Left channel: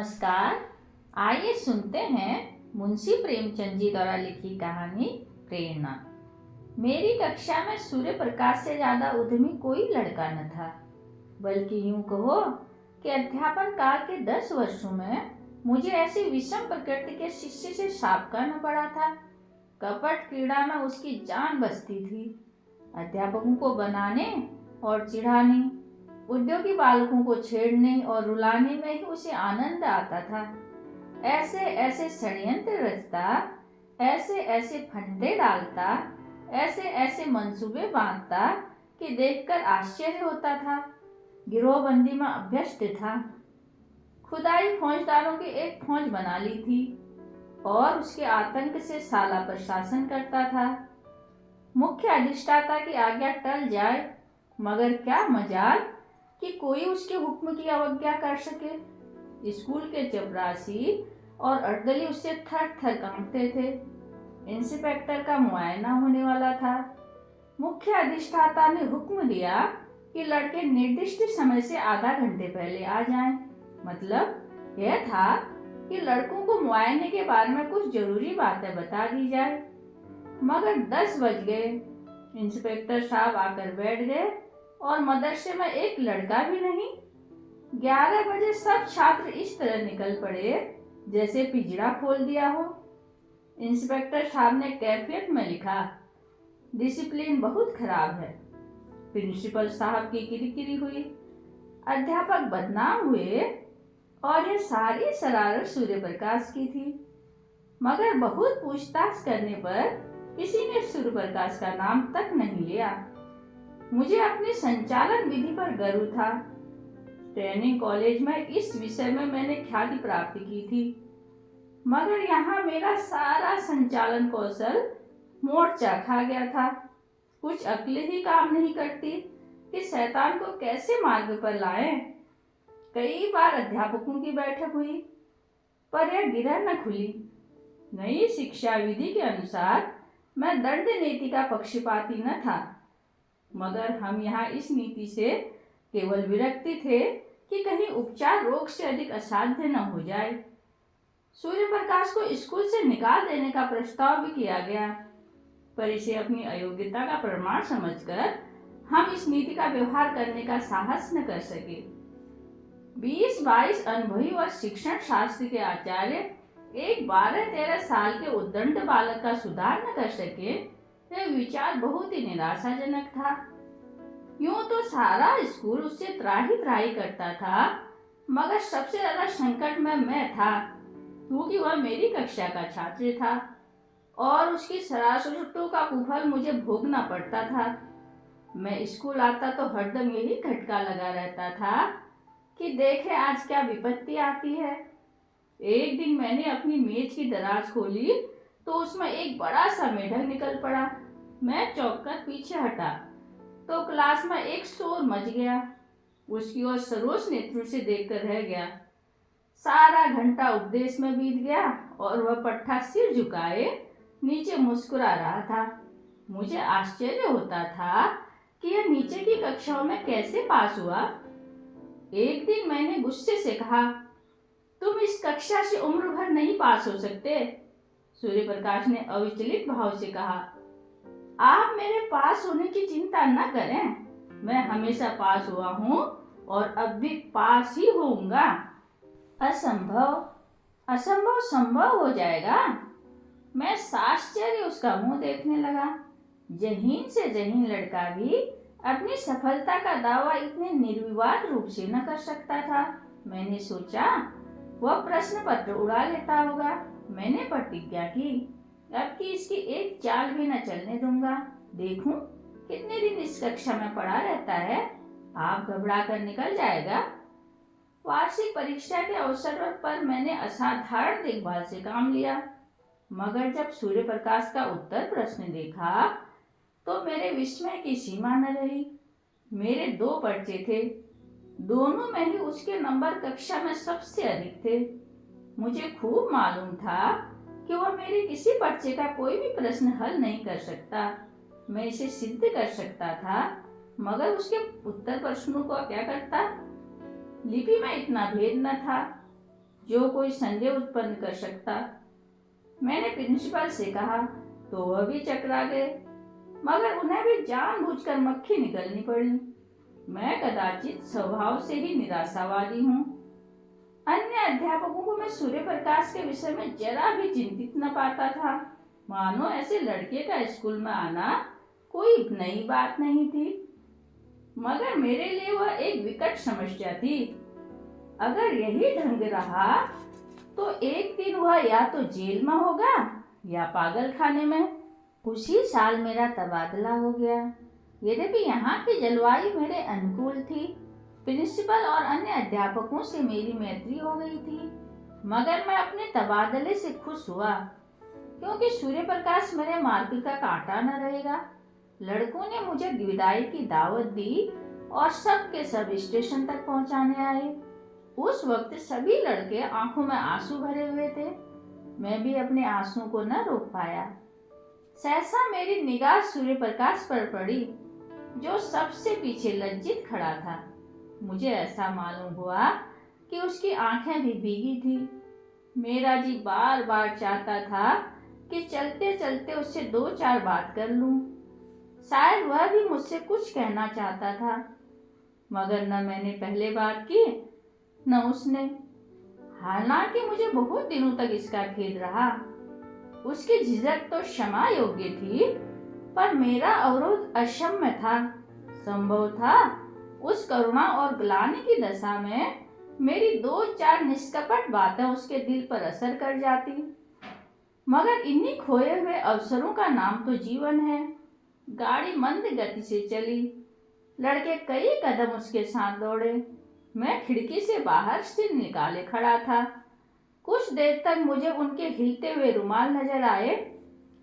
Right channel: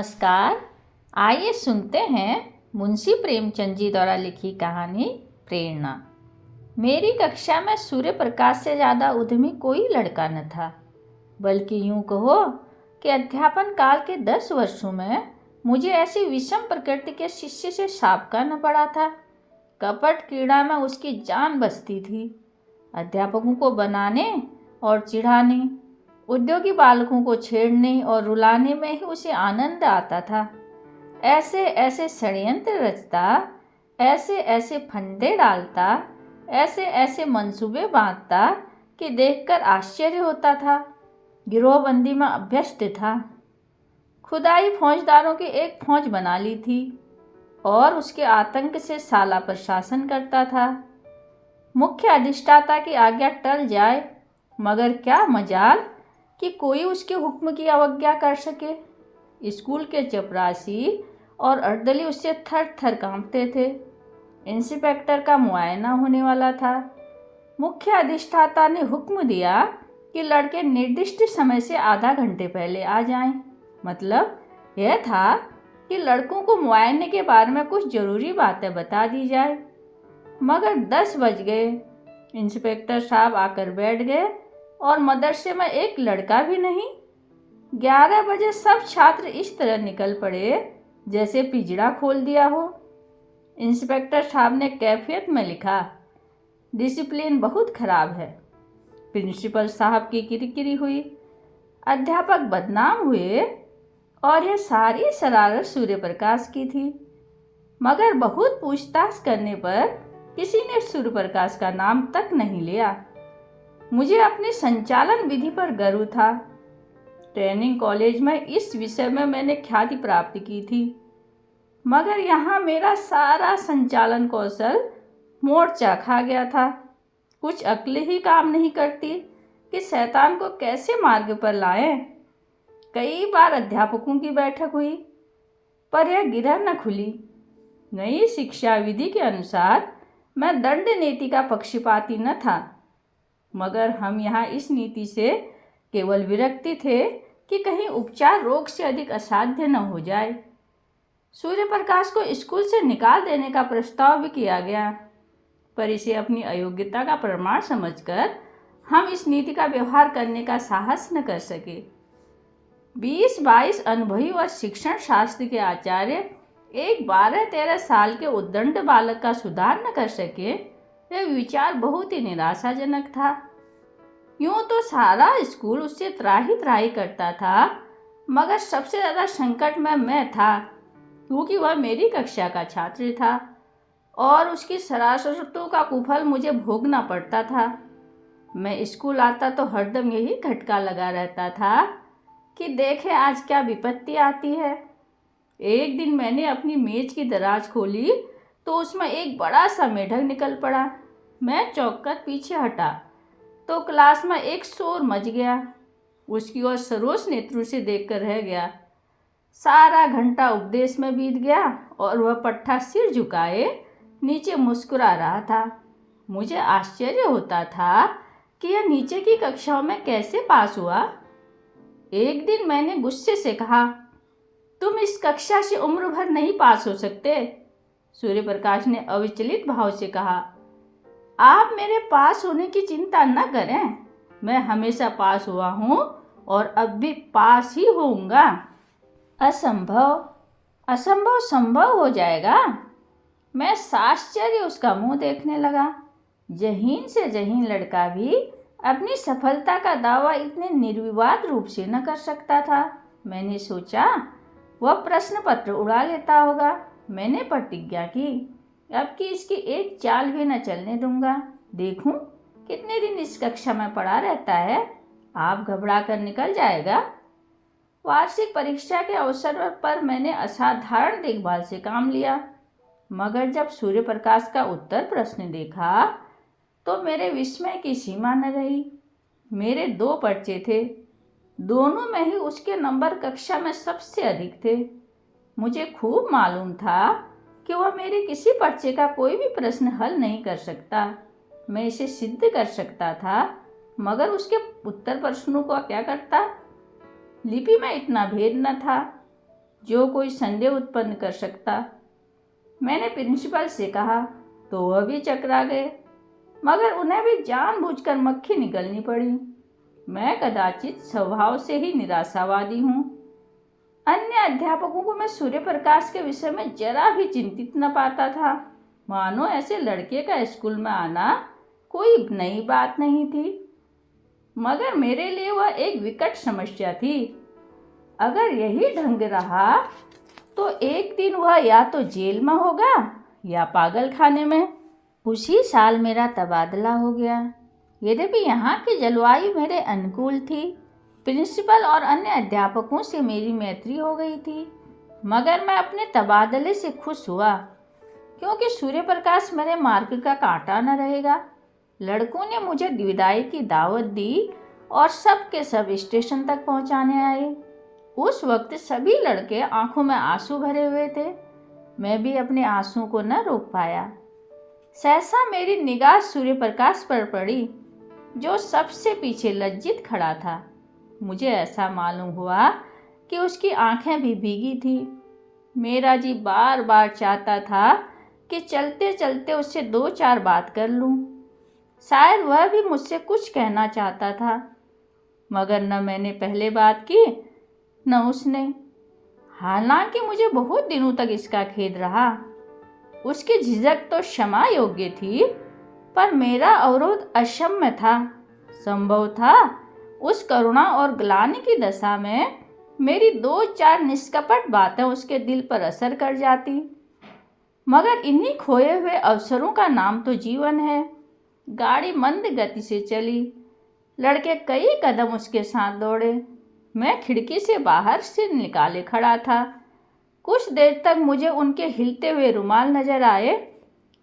नमस्कार। आइए सुनते हैं मुंशी प्रेमचंद जी द्वारा लिखी कहानी प्रेरणा। मेरी कक्षा में सूर्य प्रकाश से ज़्यादा उद्यमी कोई लड़का न था, बल्कि यूं कहो कि अध्यापन काल के 10 वर्षों में मुझे ऐसी विषम प्रकृति के शिष्य से साबका न पड़ा था। कपट क्रीड़ा में उसकी जान बसती थी। अध्यापकों को बनाने और चिढ़ाने, उद्योगी बालकों को छेड़ने और रुलाने में ही उसे आनंद आता था। ऐसे ऐसे षड्यंत्र रचता, ऐसे ऐसे फंदे डालता, ऐसे ऐसे मंसूबे बांधता कि देखकर आश्चर्य होता था। गिरोहबंदी में अभ्यस्त था। खुदाई फौजदारों की एक फौज बना ली थी और उसके आतंक से साला प्रशासन करता था। मुख्य अधिष्ठाता की आज्ञा टल जाए, मगर क्या मजाल कि कोई उसके हुक्म की अवज्ञा कर सके। स्कूल के चपरासी और अर्दली उससे थर थर कांपते थे। इंस्पेक्टर का मुआयना होने वाला था। मुख्य अधिष्ठाता ने हुक्म दिया कि लड़के निर्दिष्ट समय से आधा घंटे पहले आ जाएं। मतलब यह था कि लड़कों को मुआयने के बारे में कुछ जरूरी बातें बता दी जाए। मगर 10 बज गए। इंस्पेक्टर साहब आकर बैठ गए और मदरसे में एक लड़का भी नहीं। 11 बजे सब छात्र इस तरह निकल पड़े जैसे पिंजड़ा खोल दिया हो। इंस्पेक्टर साहब ने कैफियत में लिखा, डिसिप्लिन बहुत खराब है। प्रिंसिपल साहब की किरकिरी हुई। अध्यापक बदनाम हुए और यह सारी शरारत सूर्य प्रकाश की थी। मगर बहुत पूछताछ करने पर किसी ने सूर्य प्रकाश का नाम तक नहीं लिया। मुझे अपनी संचालन विधि पर गर्व था। ट्रेनिंग कॉलेज में इस विषय में मैंने ख्याति प्राप्त की थी, मगर यहाँ मेरा सारा संचालन कौशल मोर्चा खा गया था। कुछ अक्लें ही काम नहीं करती कि शैतान को कैसे मार्ग पर लाएं। कई बार अध्यापकों की बैठक हुई, पर यह गिरह न खुली। नई शिक्षा विधि के अनुसार मैं दंड नीति का पक्षपाती न था, मगर हम यहाँ इस नीति से केवल विरक्ति थे कि कहीं उपचार रोग से अधिक असाध्य न हो जाए। सूर्य प्रकाश को स्कूल से निकाल देने का प्रस्ताव भी किया गया, पर इसे अपनी अयोग्यता का प्रमाण समझकर हम इस नीति का व्यवहार करने का साहस न कर सके। 20-22 अनुभवी व शिक्षण शास्त्र के आचार्य एक 12-13 साल के उद्दंड बालक का सुधार न कर सके, यह विचार बहुत ही निराशाजनक था। यूं तो सारा स्कूल उससे त्राही त्राही करता था, मगर सबसे ज़्यादा संकट में मैं था, क्योंकि वह मेरी कक्षा का छात्र था और उसकी शरारतों का कुफल मुझे भोगना पड़ता था। मैं स्कूल आता तो हरदम यही खटका लगा रहता था कि देखे आज क्या विपत्ति आती है। एक दिन मैंने अपनी मेज की दराज खोली तो उसमें एक बड़ा सा मेढक निकल पड़ा। मैं चौंक कर पीछे हटा तो क्लास में एक शोर मच गया। उसकी ओर सरोष नेत्रों से देखकर रह गया। सारा घंटा उपदेश में बीत गया और वह पट्टा सिर झुकाए नीचे मुस्कुरा रहा था। मुझे आश्चर्य होता था कि यह नीचे की कक्षाओं में कैसे पास हुआ। एक दिन मैंने गुस्से से कहा, तुम इस कक्षा से उम्र भर नहीं पास हो सकते। सूर्य प्रकाश ने अविचलित भाव से कहा, आप मेरे पास होने की चिंता न करें, मैं हमेशा पास हुआ हूँ और अब भी पास ही होऊंगा। असंभव असंभव संभव हो जाएगा। मैं साश्चर्य उसका मुंह देखने लगा। जहीन से जहीन लड़का भी अपनी सफलता का दावा इतने निर्विवाद रूप से न कर सकता था। मैंने सोचा वह प्रश्न पत्र उड़ा लेता होगा। मैंने प्रतिज्ञा की, अब की इसकी एक चाल भी न चलने दूंगा। देखूं कितने दिन इस कक्षा में पड़ा रहता है, आप घबरा कर निकल जाएगा। वार्षिक परीक्षा के अवसर पर मैंने असाधारण देखभाल से काम लिया, मगर जब सूर्य प्रकाश का उत्तर प्रश्न देखा तो मेरे विस्मय की सीमा न रही। मेरे 2 पर्चे थे, दोनों में ही उसके नंबर कक्षा में सबसे अधिक थे। मुझे खूब मालूम था कि वह मेरे किसी पर्चे का कोई भी प्रश्न हल नहीं कर सकता। मैं इसे सिद्ध कर सकता था, मगर उसके उत्तर प्रश्नों को क्या करता। लिपि में इतना भेद न था। जो कोई संदेह उत्पन्न कर सकता। मैंने प्रिंसिपल से कहा तो वह भी चकरा गए, मगर उन्हें भी जानबूझकर मक्खी निकलनी पड़ी। मैं कदाचित स्वभाव से ही निराशावादी हूँ। अन्य अध्यापकों को मैं सूर्य प्रकाश के विषय में जरा भी चिंतित न पाता था, मानो ऐसे लड़के का स्कूल में आना कोई नई बात नहीं थी। मगर मेरे लिए वह एक विकट समस्या थी। अगर यही ढंग रहा तो एक दिन वह या तो जेल में होगा या पागल खाने में। उसी साल मेरा तबादला हो गया। यद्यपि यहाँ की जलवायु मेरे अनुकूल थी, प्रिंसिपल और अन्य अध्यापकों से मेरी मैत्री हो गई थी, मगर मैं अपने तबादले से खुश हुआ, क्योंकि सूर्य प्रकाश मेरे मार्ग का कांटा न रहेगा। लड़कों ने मुझे विदाई की दावत दी और सब के सब स्टेशन तक पहुंचाने आए। उस वक्त सभी लड़के आंखों में आंसू भरे हुए थे। मैं भी अपने आंसुओं को न रोक पाया। सहसा मेरी निगाह सूर्य प्रकाश पर पड़ी, जो सबसे पीछे लज्जित खड़ा था। मुझे ऐसा मालूम हुआ कि उसकी आंखें भी भीगी थी। मेरा जी बार बार चाहता था कि चलते चलते उससे दो चार बात कर लूं। शायद वह भी मुझसे कुछ कहना चाहता था, मगर न मैंने पहले बात की न उसने। हालांकि मुझे बहुत दिनों तक इसका खेद रहा। उसकी झिझक तो क्षमा योग्य थी, पर मेरा अवरोध अक्षम्य था। संभव था उस करुणा और ग्लानि की दशा में मेरी दो चार निष्कपट बातें उसके दिल पर असर कर जाती। मगर इन्हीं खोए हुए अवसरों का नाम तो जीवन है। गाड़ी मंद गति से चली। लड़के कई कदम उसके साथ दौड़े। मैं खिड़की से बाहर से निकाले खड़ा था। कुछ देर तक मुझे उनके हिलते हुए रुमाल नजर आए,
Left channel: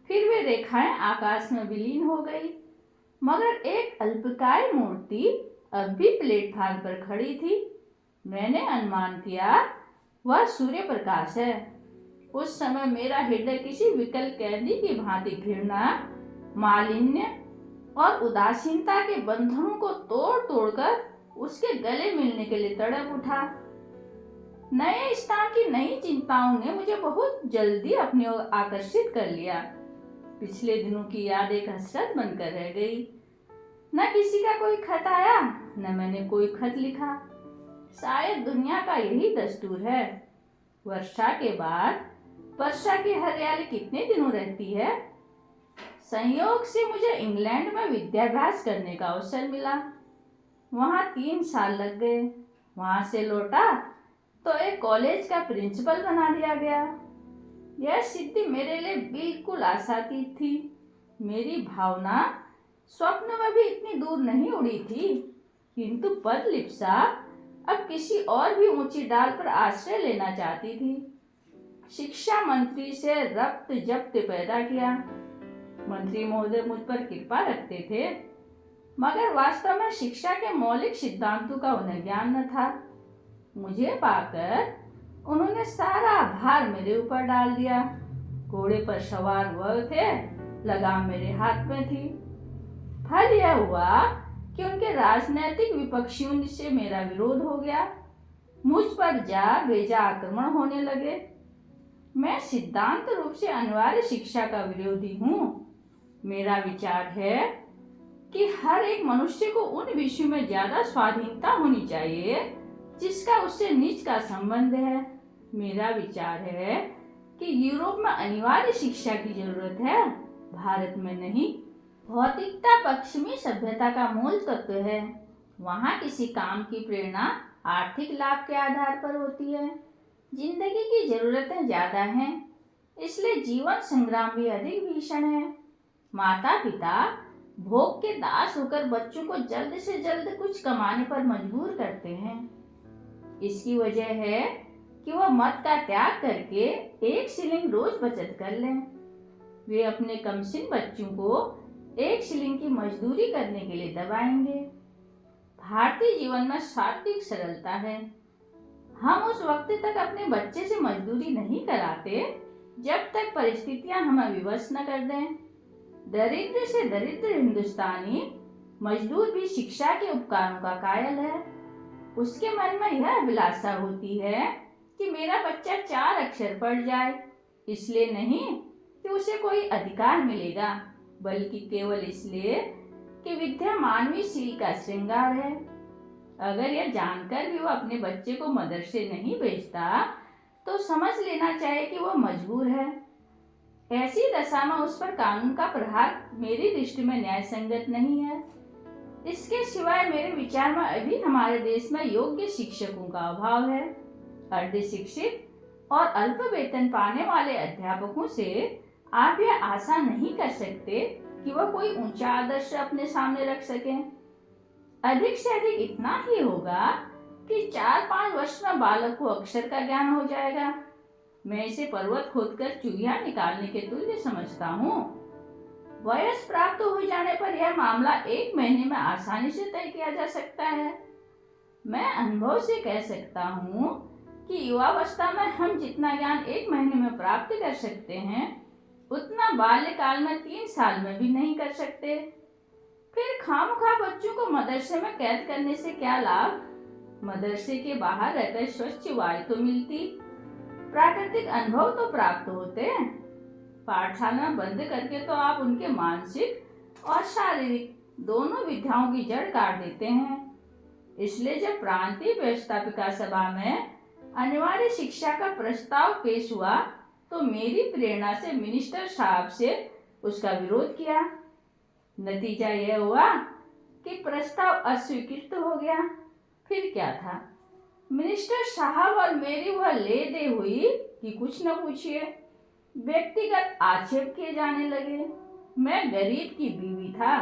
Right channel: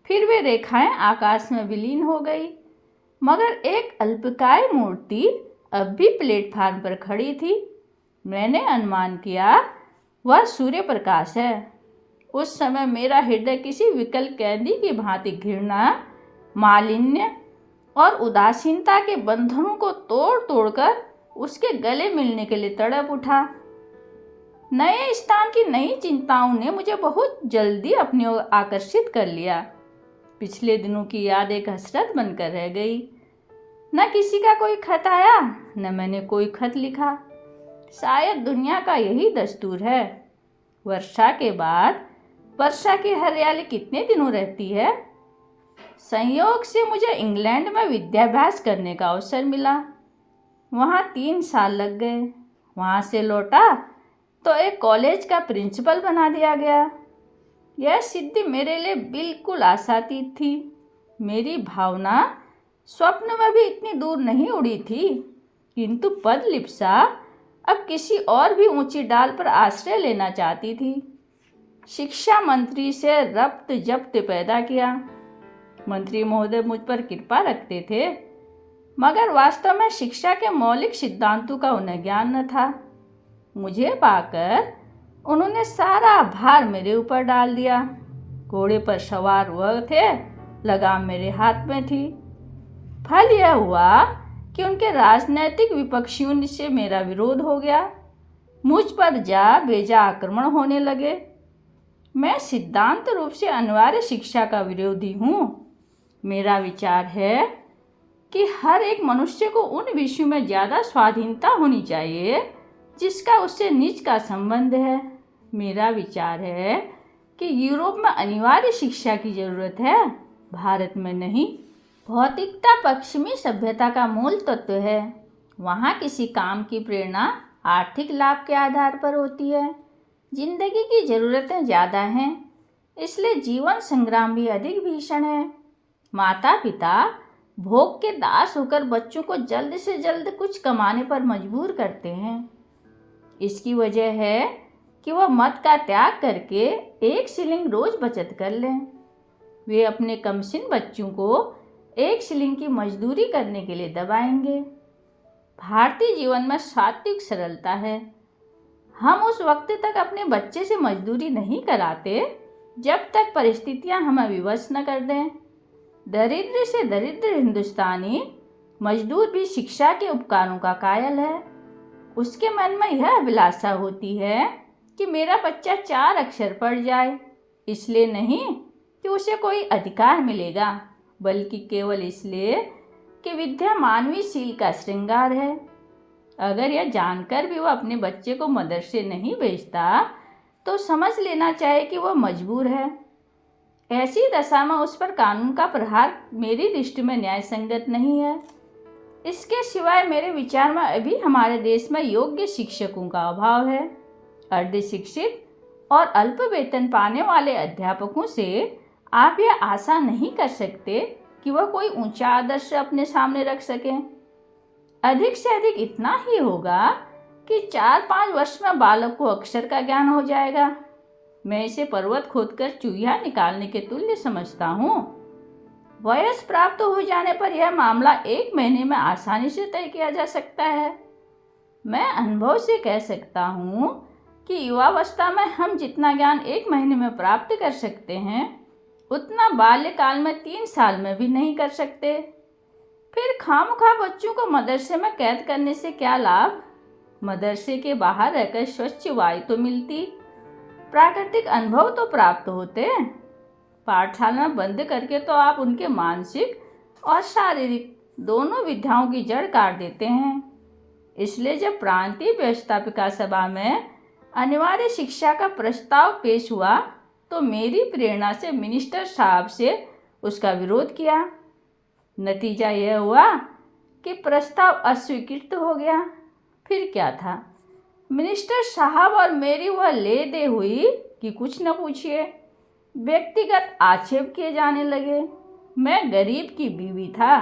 फिर वे रेखाएं आकाश में विलीन हो गई। मगर एक अल्पकाय मूर्ति अब भी प्लेटफार्म पर खड़ी थी। मैंने अनुमान किया वह सूर्य प्रकाश है। उस समय मेरा हृदय किसी विकल कैदी की भांति घृणा, मालिन्य और उदासीनता के बंधनों को तोड़ तोड़कर उसके गले मिलने के लिए तड़प उठा। नए स्थान की नई चिंताओं ने मुझे बहुत जल्दी अपनी ओर आकर्षित कर लिया। पिछले दिनों की याद एक हसरत बनकर रह गई। न किसी का कोई खत आया, न मैंने कोई खत लिखा। शायद दुनिया का यही दस्तूर है। वर्षा के बाद वर्षा की हरियाली कितने दिनों रहती है। संयोग से मुझे इंग्लैंड में विद्याभ्यास करने का अवसर मिला। वहाँ 3 साल लग गए। वहाँ से लौटा तो एक कॉलेज का प्रिंसिपल बना दिया गया। यह सिद्धि मेरे लिए बिल्कुल आशातीत थी। मेरी भावना स्वप्न में भी इतनी दूर नहीं उड़ी थी, किंतु पदलिप्सा अब किसी और भी ऊंची डाल पर आश्रय लेना चाहती थी। शिक्षा मंत्री से रब्त जब्त पैदा किया। मंत्री महोदय मुझ पर कृपा रखते थे, मगर वास्तव में शिक्षा के मौलिक सिद्धांतों का उन्हें ज्ञान न था। मुझे पाकर उन्होंने सारा भार मेरे ऊपर डाल दिया। घोड़े पर सवार वह थे, लगाम मेरे हाथ में थी। फल यह हुआ कि उनके राजनैतिक विपक्षियों से मेरा विरोध हो गया। मुझ पर जा बेजा आक्रमण होने लगे। मैं सिद्धांत रूप से अनिवार्य शिक्षा का विरोधी हूँ। मेरा विचार है कि हर एक मनुष्य को उन विषयों में ज़्यादा स्वाधीनता होनी चाहिए जिसका उससे निज का संबंध है। मेरा विचार है कि यूरोप में अनिवार्य शिक्षा की जरूरत है, भारत में नहीं। भौतिकता पश्चिमी सभ्यता का मूल तत्व है। वहाँ किसी काम की प्रेरणा आर्थिक लाभ के आधार पर होती है। जिंदगी की जरूरतें ज़्यादा हैं, इसलिए जीवन संग्राम भी अधिक भीषण है। माता पिता भोग के दास होकर बच्चों को जल्द से जल्द कुछ कमाने पर मजबूर करते हैं। इसकी वजह है कि वह मद का त्याग करके 1 शिलिंग रोज बचत कर लें। वे अपने कमसिन बच्चों को 1 शिलिंग की मजदूरी करने के लिए दबाएंगे। भारतीय जीवन में सात्विक सरलता है। हम उस वक्त तक अपने बच्चे से मजदूरी नहीं कराते जब तक परिस्थितियां हमें विवश न कर दें। दरिद्र से दरिद्र हिंदुस्तानी मजदूर भी शिक्षा के उपकारों का कायल है। उसके मन में यह अभिलाषा होती है कि मेरा बच्चा 4 अक्षर पढ़ जाए, इसलिए नहीं कि उसे कोई अधिकार मिलेगा, बल्कि केवल इसलिए कि विद्या मानवीय सीढ़ी का श्रृंगार है। अगर यह जानकर भी वह अपने बच्चे को मदरसे नहीं भेजता तो समझ लेना चाहिए कि वह मजबूर है। ऐसी दशा में उस पर कानून का प्रहार मेरी दृष्टि में न्याय संगत नहीं है। इसके सिवाय मेरे विचार में अभी हमारे देश में योग्य शिक्षकों का अभाव है। अर्ध शिक्षित और अल्प वेतन पाने वाले अध्यापकों से आप यह आशा नहीं कर सकते कि वह कोई ऊंचा आदर्श अपने सामने रख सकें। अधिक से अधिक इतना ही होगा कि 4-5 वर्ष में बालक को अक्षर का ज्ञान हो जाएगा। मैं इसे पर्वत खोदकर चूहिया निकालने के तुल्य समझता हूँ। वयस प्राप्त हो जाने पर यह मामला 1 महीने में आसानी से तय किया जा सकता है। मैं अनुभव से कह सकता हूँ कि युवावस्था में हम जितना ज्ञान 1 महीने में प्राप्त कर सकते हैं, उतना बाल्यकाल में 3 साल में भी नहीं कर सकते। फिर खामखा बच्चों को मदरसे में कैद करने से क्या लाभ? मदरसे के बाहर रहकर स्वच्छ वायु तो मिलती, प्राकृतिक अनुभव तो प्राप्त होते। पाठशाला में बंद करके तो आप उनके मानसिक और शारीरिक दोनों विद्याओं की जड़ काट देते हैं। इसलिए जब प्रांतीय व्यवस्थापिका सभा में अनिवार्य शिक्षा का प्रस्ताव पेश हुआ तो मेरी प्रेरणा से मिनिस्टर साहब से उसका विरोध किया। नतीजा यह हुआ कि प्रस्ताव अस्वीकृत हो गया। फिर क्या था, मिनिस्टर साहब और मेरी वह ले दे हुई कि कुछ न पूछिए। व्यक्तिगत आक्षेप किए जाने लगे। मैं गरीब की बीवी था,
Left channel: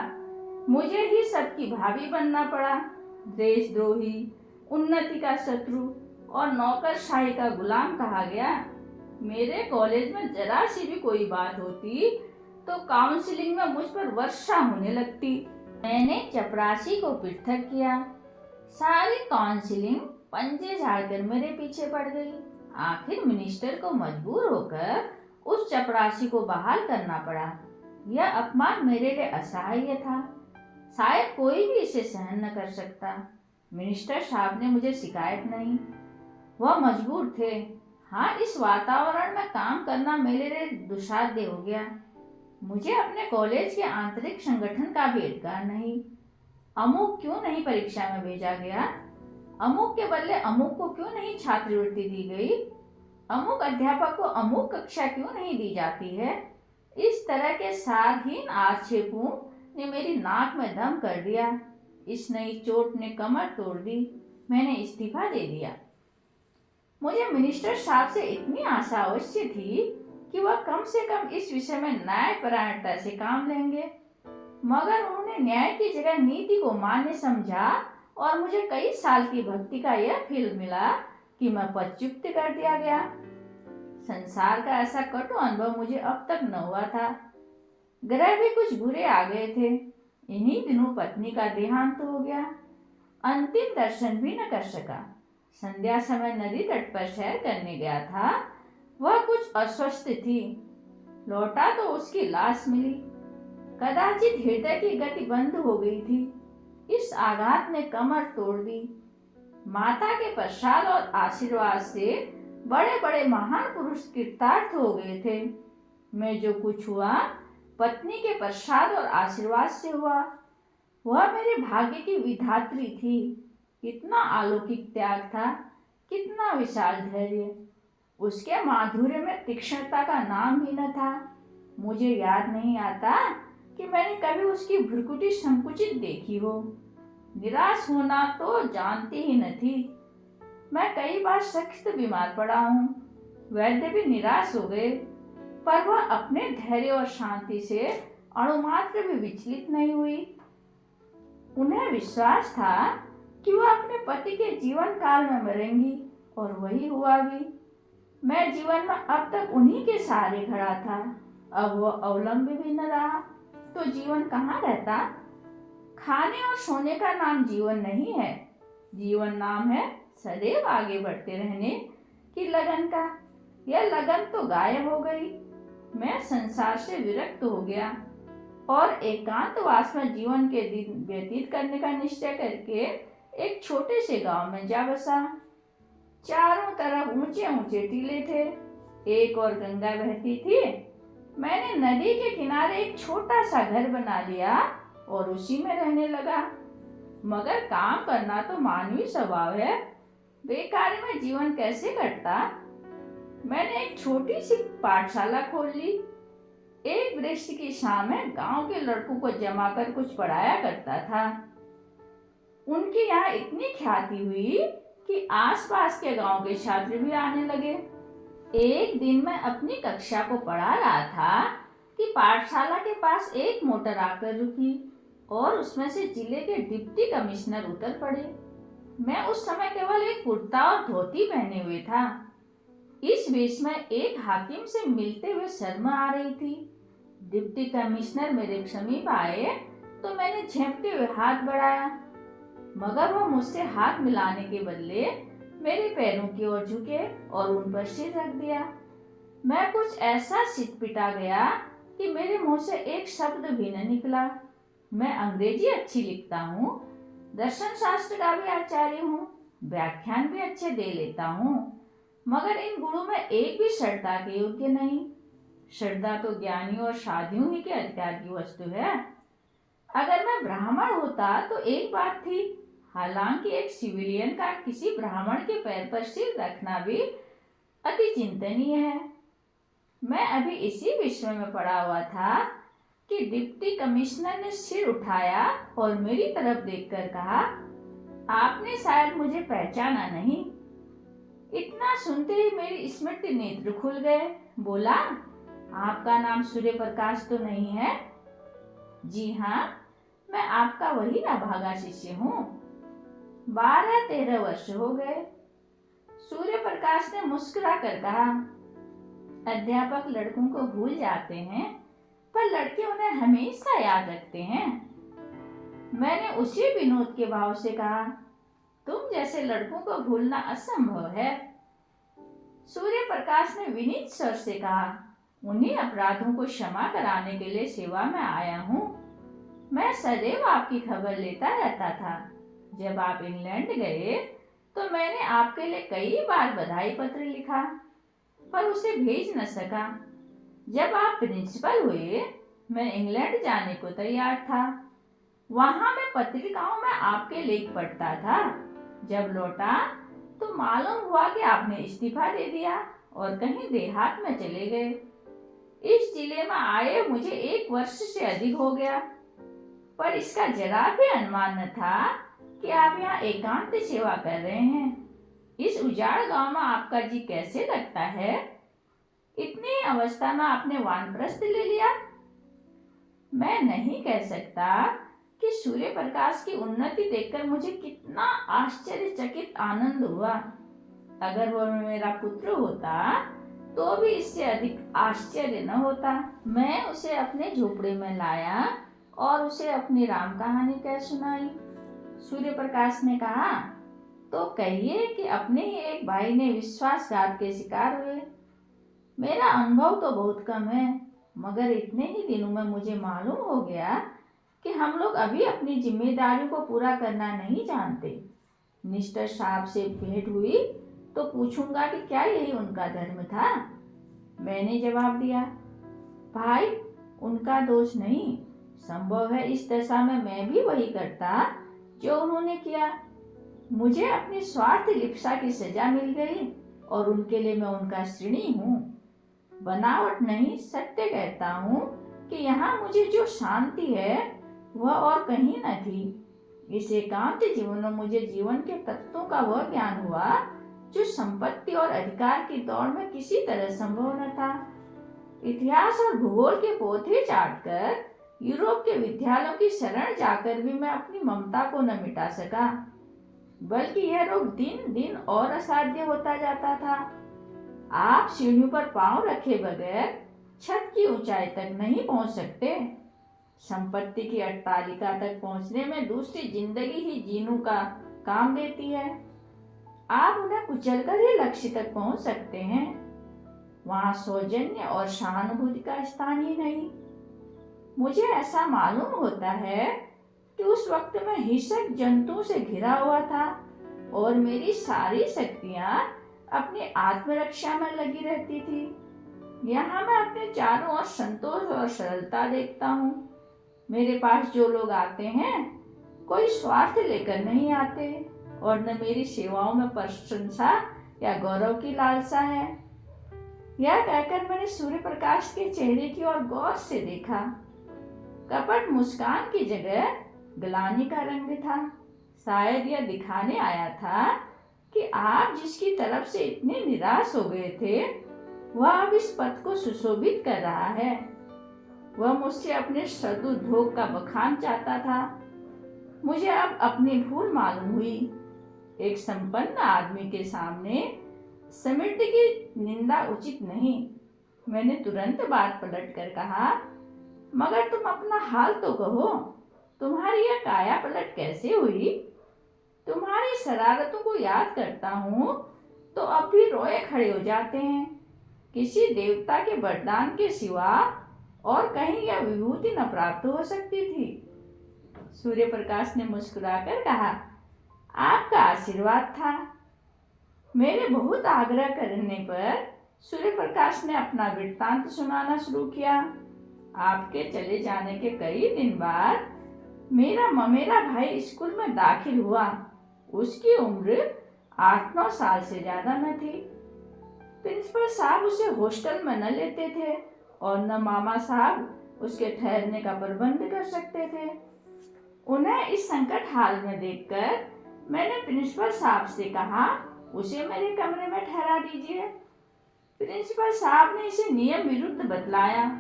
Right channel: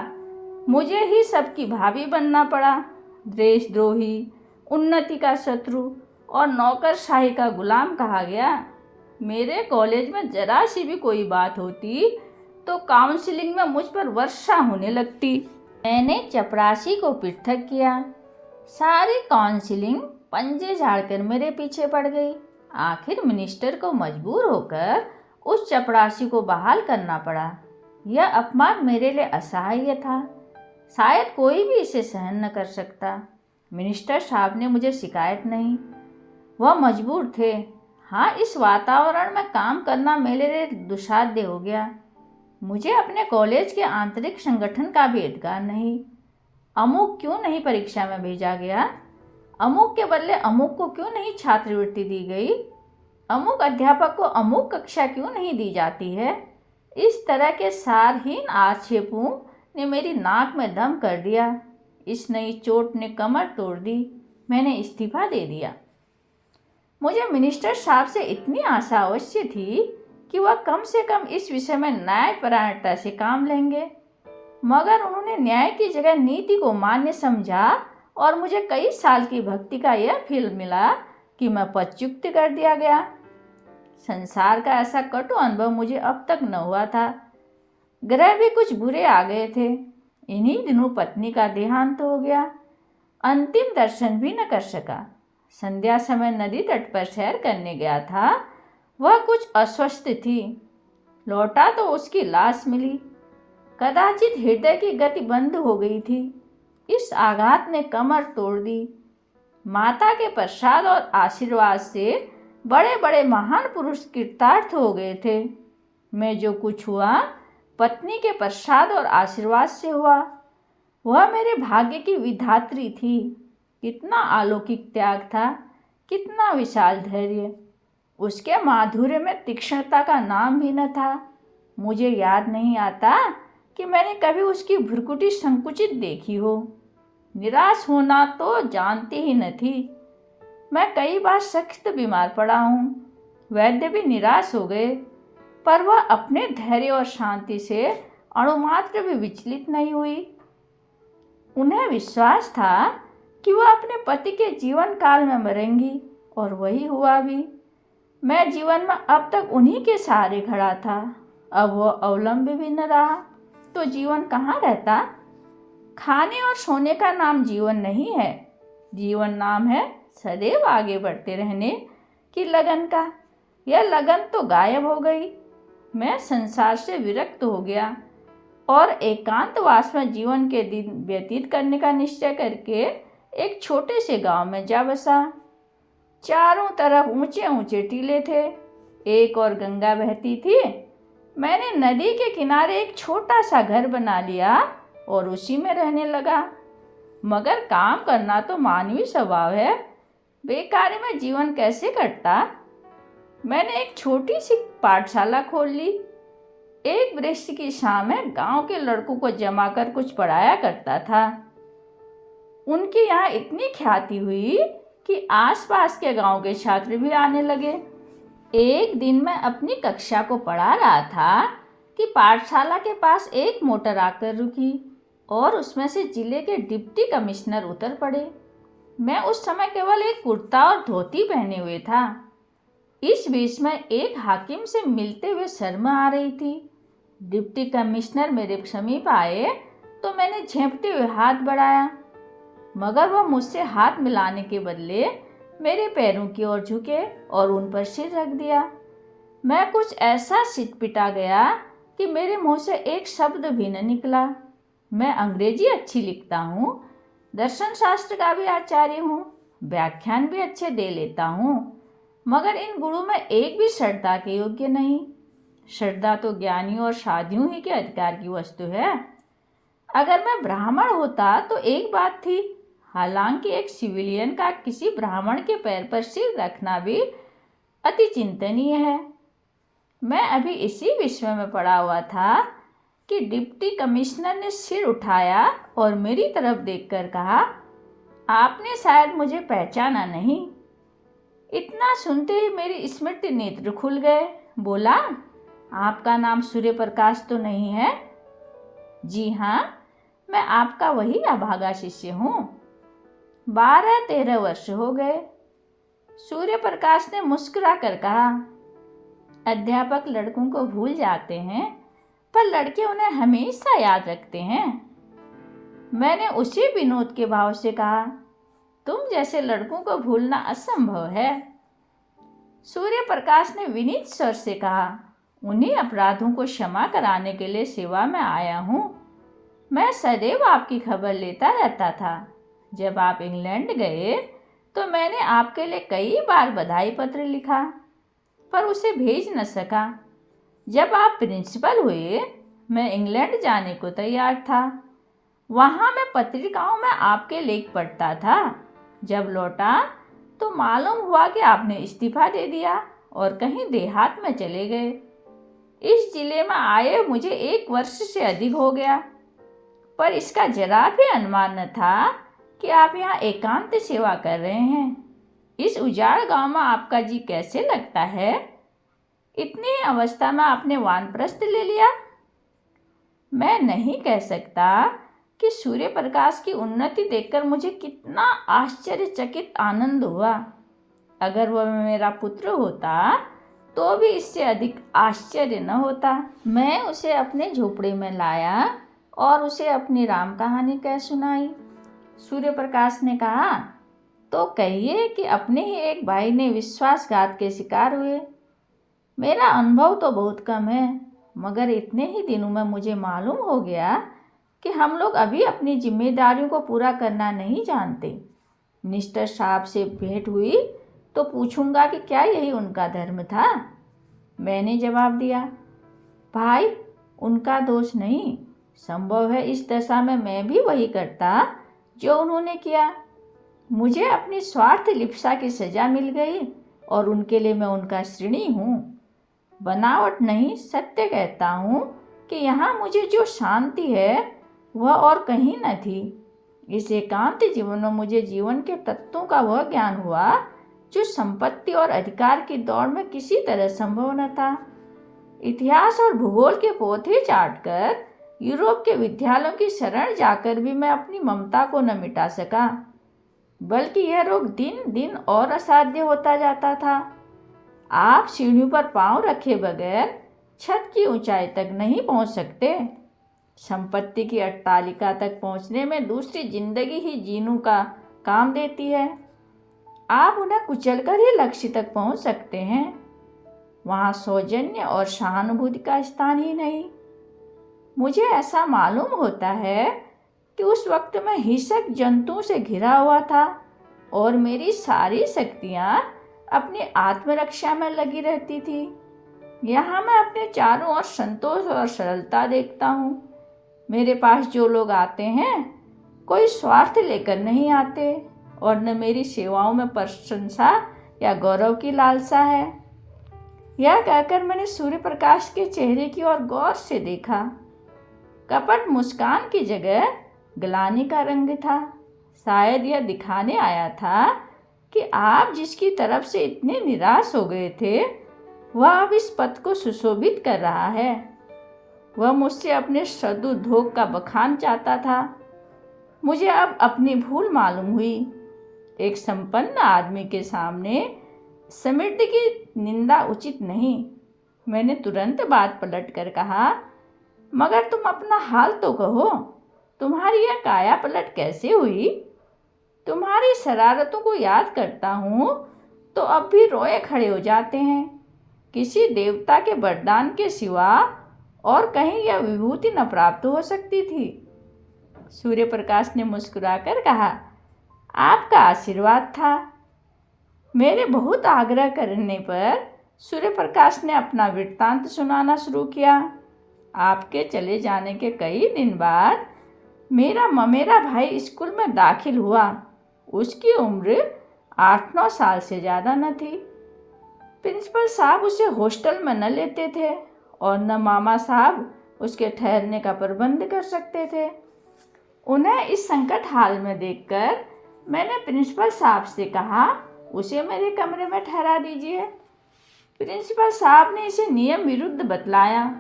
मुझे ही सबकी भाभी बनना पड़ा। देशद्रोही, उन्नति का शत्रु और नौकरशाही का गुलाम कहा गया। मेरे कॉलेज में जरा सी भी कोई बात होती तो काउंसलिंग में मुझ पर वर्षा होने लगती। मैंने चपरासी को पृथक किया। सारी काउंसलिंग पंजे झाड़कर मेरे पीछे पड़ गई। आखिर मिनिस्टर को मजबूर होकर उस चपरासी को बहाल करना पड़ा। यह अपमान मेरे लिए असह्य था। शायद कोई भी इसे सहन न कर सकता। मिनिस्टर साहब ने मुझे शिकायत नहीं, वह मजबूर थे। हाँ, इस वातावरण में काम करना मेरे लिए दुस्साध्य हो गया। मुझे अपने कॉलेज के आंतरिक संगठन का भी अधिकार नहीं। अमुक क्यों नहीं परीक्षा में भेजा गया? अमुक के बदले अमुक को क्यों नहीं छात्रवृत्ति दी गई? अमुक अध्यापक को अमुक कक्षा क्यों नहीं दी जाती है? इस तरह के सारहीन आक्षेपों ने मेरी नाक में दम कर दिया। इस नई चोट ने कमर तोड़ दी। मैंने इस्तीफा दे दिया। मुझे मिनिस्टर साहब से इतनी आशा अवश्य थी कि वह कम से कम इस विषय में न्यायपरायणता से काम लेंगे, मगर उन्होंने न्याय की जगह नीति को मान्य समझा और मुझे कई साल की भक्ति का यह फल मिला कि मैं पदच्युत कर दिया गया। संसार का ऐसा कटु अनुभव मुझे अब तक न हुआ था। ग्रह भी कुछ बुरे आ गए थे। इन्हीं दिनों पत्नी का देहांत हो गया। अंतिम दर्शन भी न कर सका। संध्या समय नदी तट पर सैर करने गया था। वह कुछ अस्वस्थ थी। लौटा तो उसकी लाश मिली। कदाचित हृदय की गति बंद हो गई थी। इस आघात ने कमर तोड़ दी। माता के प्रसाद और आशीर्वाद से बड़े बड़े महान पुरुष कृतार्थ हो गए थे। मैं जो कुछ हुआ पत्नी के प्रसाद और आशीर्वाद से हुआ। वह मेरे भाग्य की विधात्री थी। कितना अलौकिक त्याग था, कितना विशाल धैर्य। उसके माधुर्य में तीक्ष्णता का नाम भी न था। मुझे याद नहीं आता कि मैंने कभी उसकी भ्रुकुटी संकुचित देखी हो। निराश होना तो जानती ही न थी। मैं कई बार सख्त बीमार पड़ा हूँ। वैद्य भी निराश हो गए, पर वह अपने धैर्य और शांति से अणुमात्र भी विचलित नहीं हुई। उन्हें विश्वास था कि वह अपने पति के जीवन काल में मरेंगी, और वही हुआ भी। मैं जीवन में अब तक उन्हीं के सहारे खड़ा था। अब वह अवलंबी भी न रहा तो जीवन कहाँ रहता? खाने और सोने का नाम जीवन नहीं है। जीवन नाम है सदैव आगे बढ़ते रहने की लगन का। यह लगन तो गायब हो गई। मैं संसार से विरक्त हो गया और एकांतवास में जीवन के दिन व्यतीत करने का निश्चय करके एक छोटे से गांव में जा बसा। चारों तरफ ऊंचे ऊंचे टीले थे। एक और गंगा बहती थी। मैंने नदी के किनारे एक छोटा सा घर बना लिया और उसी में रहने लगा। मगर काम करना तो मानवीय स्वभाव है, बेकारी में जीवन कैसे कटता। मैंने एक छोटी सी पाठशाला खोल ली। एक वृक्ष की छांव में गांव के लड़कों को जमा कर कुछ पढ़ाया करता था। उनकी यहाँ इतनी ख्याति हुई कि आसपास के गांव के छात्र भी आने लगे। एक दिन मैं अपनी कक्षा को पढ़ा रहा था कि पाठशाला के पास एक मोटर आकर रुकी और उसमें से जिले के डिप्टी कमिश्नर उतर पड़े। मैं उस समय केवल एक कुर्ता और धोती पहने हुए था। इस बीच में एक हाकिम से मिलते हुए शर्म आ रही थी। डिप्टी कमिश्नर मेरे समीप आए तो मैंने झेंपते हुए हाथ बढ़ाया, मगर वह मुझसे हाथ मिलाने के बदले मेरे पैरों की ओर झुके और उन पर सिर रख दिया। मैं कुछ ऐसा सिटपिटा गया कि मेरे मुंह से एक शब्द भी न निकला। मैं अंग्रेजी अच्छी लिखता हूँ, दर्शन शास्त्र का भी आचार्य हूँ, व्याख्यान भी अच्छे दे लेता हूँ, मगर इन गुणों में एक भी श्रद्धा के योग्य नहीं। श्रद्धा तो ज्ञानियों और साधुओं ही के अधिकार की वस्तु है। अगर मैं ब्राह्मण होता तो एक बात थी, हालांकि एक सिविलियन का किसी ब्राह्मण के पैर पर सिर रखना भी अति चिंतनीय है। मैं अभी इसी विषय में पड़ा हुआ था कि डिप्टी कमिश्नर ने सिर उठाया और मेरी तरफ देखकर कहा, आपने शायद मुझे पहचाना नहीं। इतना सुनते ही मेरी स्मृति नेत्र खुल गए। बोला, आपका नाम सूर्य प्रकाश तो नहीं है? जी हाँ, मैं आपका वही अभागा शिष्य हूँ। 12-13 वर्ष हो गए। सूर्य प्रकाश ने मुस्कुरा कर कहा, अध्यापक लड़कों को भूल जाते हैं, पर लड़के उन्हें हमेशा याद रखते हैं। मैंने उसी विनोद के भाव से कहा, तुम जैसे लड़कों को भूलना असंभव है। सूर्य प्रकाश ने विनीत स्वर से कहा, उन्हीं अपराधों को क्षमा कराने के लिए सेवा में आया हूँ। मैं सदैव आपकी खबर लेता रहता था। जब आप इंग्लैंड गए तो मैंने आपके लिए कई बार बधाई पत्र लिखा, पर उसे भेज न सका। जब आप प्रिंसिपल हुए, मैं इंग्लैंड जाने को तैयार था। वहाँ मैं पत्रिकाओं में आपके लेख पढ़ता था। जब लौटा तो मालूम हुआ कि आपने इस्तीफा दे दिया और कहीं देहात में चले गए। इस जिले में आए मुझे 1 वर्ष से अधिक हो गया, पर इसका जरा भी अनुमान न था कि आप यहाँ एकांत सेवा कर रहे हैं। इस उजाड़ गांव में आपका जी कैसे लगता है? इतनी अवस्था में आपने वानप्रस्थ ले लिया। मैं नहीं कह सकता कि सूर्य प्रकाश की उन्नति देखकर मुझे कितना आश्चर्यचकित आनंद हुआ। अगर वह मेरा पुत्र होता तो भी इससे अधिक आश्चर्य न होता। मैं उसे अपने झोपड़े में लाया और उसे अपनी राम कहानी कह सुनाई। सूर्य प्रकाश ने कहा, तो कहिए कि अपने ही एक भाई ने विश्वासघात के शिकार हुए। मेरा अनुभव तो बहुत कम है, मगर इतने ही दिनों में मुझे मालूम हो गया कि हम लोग अभी अपनी जिम्मेदारियों को पूरा करना नहीं जानते। मिनिस्टर साहब से भेंट हुई तो पूछूंगा कि क्या यही उनका धर्म था। मैंने जवाब दिया, भाई, उनका दोष नहीं। संभव है इस दशा में मैं भी वही करता जो उन्होंने किया। मुझे अपनी स्वार्थ लिप्सा की सजा मिल गई और उनके लिए मैं उनका ऋणी हूँ। बनावट नहीं, सत्य कहता हूँ कि यहाँ मुझे जो शांति है वह और कहीं न थी। इस एकांत जीवन में मुझे जीवन के तत्वों का वह ज्ञान हुआ जो संपत्ति और अधिकार की दौड़ में किसी तरह संभव न था। इतिहास और भूगोल के पोथे चाटकर यूरोप के विद्यालयों की शरण जाकर भी मैं अपनी ममता को न मिटा सका, बल्कि यह रोग दिन दिन और असाध्य होता जाता था। आप सीढ़ियों पर पांव रखे बगैर छत की ऊंचाई तक नहीं पहुंच सकते। संपत्ति की अट्टालिका तक पहुंचने में दूसरी जिंदगी ही जीने का काम देती है। आप उन्हें कुचलकर ही लक्ष्य तक पहुंच सकते हैं। वहां सौजन्य और सहानुभूति का स्थान ही नहीं। मुझे ऐसा मालूम होता है कि उस वक्त मैं हिंसक जंतुओं से घिरा हुआ था और मेरी सारी शक्तियां अपनी आत्मरक्षा में लगी रहती थी। यहाँ मैं अपने चारों ओर संतोष और सरलता देखता हूँ। मेरे पास जो लोग आते हैं कोई स्वार्थ लेकर नहीं आते और न मेरी सेवाओं में प्रशंसा या गौरव की लालसा है। यह कहकर मैंने सूर्य प्रकाश के चेहरे की ओर गौर से देखा। कपट मुस्कान की जगह ग्लानि का रंग था। शायद यह दिखाने आया था कि आप जिसकी तरफ से इतने निराश हो गए थे वह अब इस पद को सुशोभित कर रहा है। वह मुझसे अपने सदुद्योग का बखान चाहता था। मुझे अब अपनी भूल मालूम हुई। एक संपन्न आदमी के सामने समृद्धि की निंदा उचित नहीं। मैंने तुरंत बात पलट कर कहा, मगर तुम अपना हाल तो कहो, तुम्हारी यह काया पलट कैसे हुई? तुम्हारी शरारतों को याद करता हूँ तो अब भी रोए खड़े हो जाते हैं। किसी देवता के वरदान के सिवा और कहीं यह विभूति न प्राप्त हो सकती थी। सूर्य प्रकाश ने मुस्कुराकर कहा, आपका आशीर्वाद था। मेरे बहुत आग्रह करने पर सूर्य प्रकाश ने अपना वृत्तांत सुनाना शुरू किया। आपके चले जाने के कई दिन बाद मेरा ममेरा भाई स्कूल में दाखिल हुआ। उसकी उम्र 8-9 साल से ज़्यादा न थी। प्रिंसिपल साहब उसे हॉस्टल में न लेते थे और न मामा साहब उसके ठहरने का प्रबंध कर सकते थे। उन्हें इस संकट हाल में देखकर मैंने प्रिंसिपल साहब से कहा, उसे मेरे कमरे में ठहरा दीजिए। प्रिंसिपल साहब ने इसे नियम विरुद्ध बतलाया।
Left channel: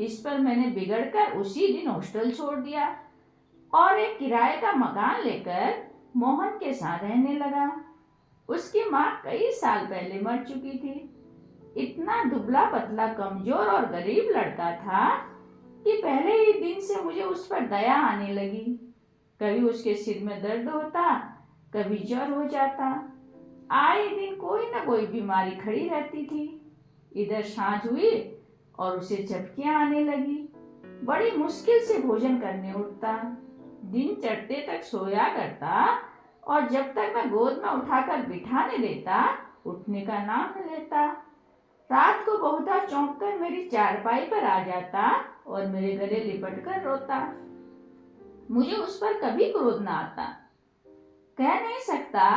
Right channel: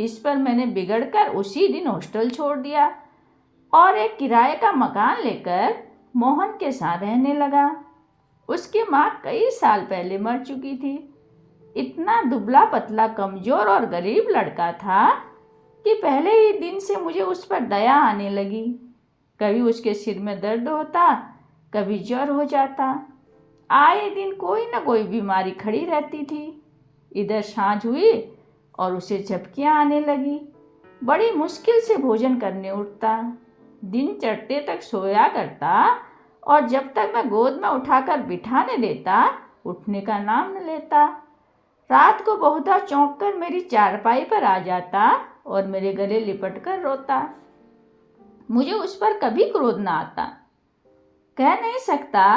इस पर मैंने बिगड़कर उसी दिन हॉस्टल छोड़ दिया और एक किराए का मकान लेकर मोहन के साथ रहने लगा। उसकी माँ कई साल पहले मर चुकी थी। इतना दुबला पतला कमजोर और गरीब लड़का था कि पहले ही दिन से मुझे उस पर दया आने लगी। कभी उसके सिर में दर्द होता, कभी ज्वर हो जाता। आए दिन कोई न कोई बीमारी खड़ी रहती थी। इधर सांझ हुई और उसे झपकियाँ आने लगी। बड़ी मुश्किल से भोजन करने उठता। दिन चढ़ते तक सोया करता और जब तक मैं गोद में उठाकर बिठाने देता उठने का नाम न लेता। रात को बहुधा चौंक कर मेरी चारपाई पर आ जाता और मेरे गले लिपट कर रोता। मुझे उस पर कभी क्रोध न आता। कह नहीं सकता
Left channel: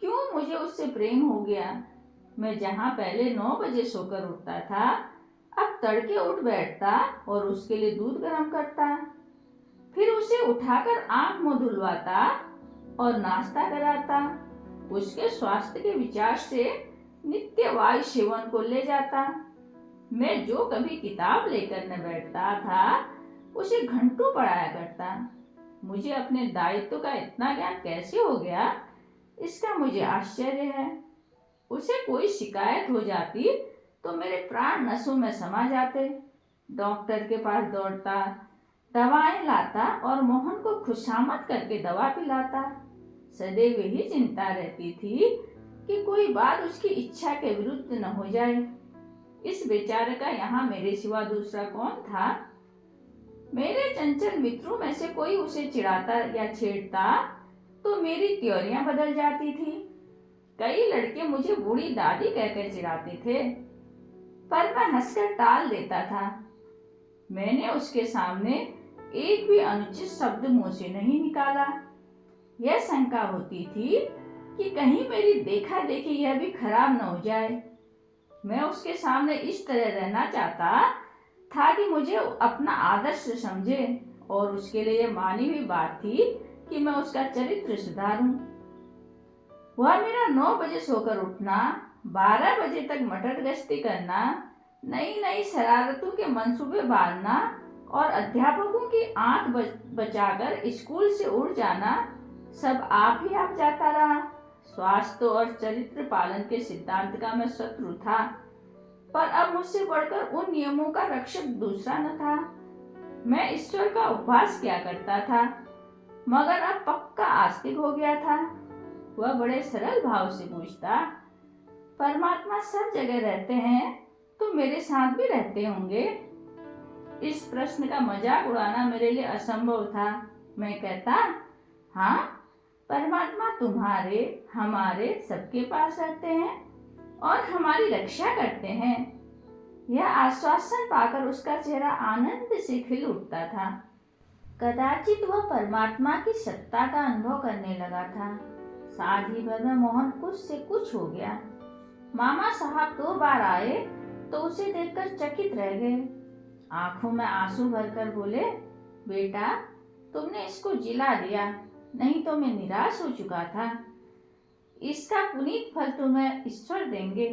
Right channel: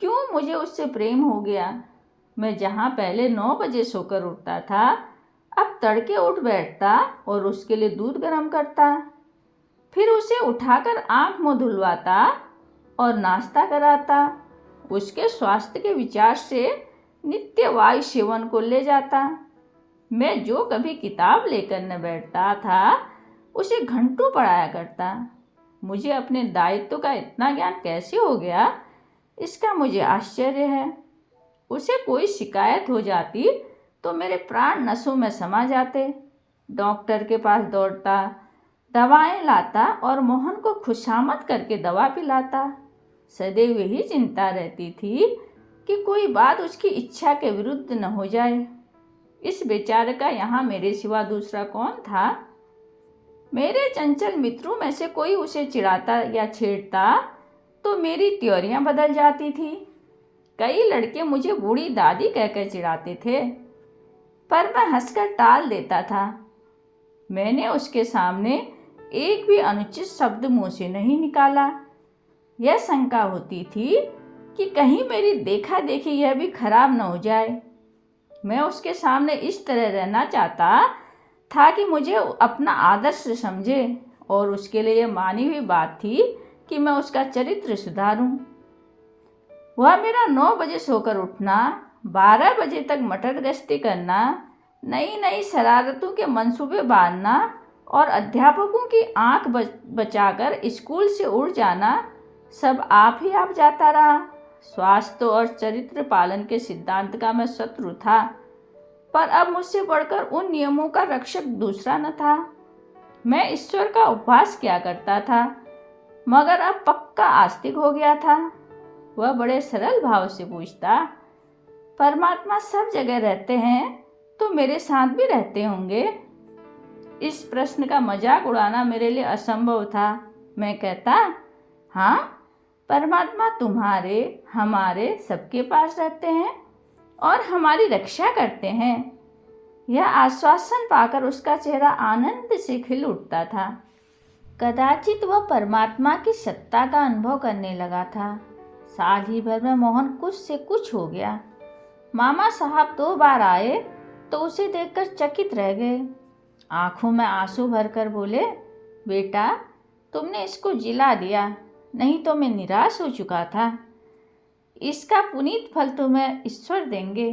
क्यों मुझे उससे प्रेम हो गया। मैं जहाँ पहले 9 बजे सोकर उठता था अब तड़के उठ बैठता और उसके लिए दूध गर्म करता, फिर उसे उठाकर आंख मुंह धुलवाता और नाश्ता कराता। उसके स्वास्थ्य के विचार से नित्य वायु सेवन को ले जाता। मैं जो कभी किताब लेकर न बैठता था उसे घंटों पढ़ाया करता। मुझे अपने दायित्व का इतना ज्ञान कैसे हो गया, इसका मुझे आश्चर्य है। उसे कोई शिकायत हो जाती तो मेरे प्राण नसों में समा जाते। डॉक्टर के पास दौड़ता, दवाएं लाता और मोहन को खुशामद करके दवा पिलाता। सदैव यही चिंता रहती थी कि कोई बात उसकी इच्छा के विरुद्ध न हो जाए। इस बेचारे का यहाँ मेरे सिवा दूसरा कौन था? मेरे चंचल मित्रों में से कोई उसे चिढ़ाता या छेड़ता तो मेरी त्योरियां बदल जाती थी। कई लड़के मुझे बूढ़ी दादी कहकर चिढ़ाते थे, पर मैं हंसकर टाल देता था। मैंने उसके सामने एक भी अनुचित शब्द मुंह से नहीं निकाला। यह शंका होती थी कि कहीं मेरी देखा देखी यह भी खराब न हो जाए। मैं उसके सामने इस तरह रहना चाहता था कि मुझे अपना आदर्श समझे और उसके लिए यह मानी हुई बात थी कि मैं उसका चरित्र सुधारूं। वह मेरा 9 बजे सोकर उठना, 12 बजे तक मटर गश्ती करना, नई नई शरारतों के मंसूबे बांधना और अध्यापकों की आंख बचाकर स्कूल से उड़ जाना, सब आप ही आप जाता रहा। स्वास्थ्य और चरित्र पालन के सिद्धांत का मैं शत्रु था, पर अब मुझसे बढ़कर उन नियमों का रक्षक दूसरा न था। मैं ईश्वर का उपवास किया करता था, मगर अब पक्का आस्तिक हो गया था। वह बड़े सरल भाव से पूछता, परमात्मा सब जगह रहते हैं तो मेरे साथ भी रहते होंगे? इस प्रश्न का मजाक उड़ाना मेरे लिए असंभव था। मैं कहता, हाँ, परमात्मा तुम्हारे, हमारे, सबके पास रहते हैं और हमारी रक्षा करते हैं। यह आश्वासन पाकर उसका चेहरा आनंद से खिल उठता था। कदाचित वह परमात्मा की सत्ता का अनुभव करने लगा था। साल ही भर में मोहन कुछ से कुछ हो गया। मामा साहब 2 बार आए तो उसे देखकर चकित रह गए। आंखों में आंसू भरकर बोले, बेटा तुमने इसको जिला दिया, नहीं तो मैं निराश हो चुका था। इसका पुनीत फल तुम्हें ईश्वर देंगे।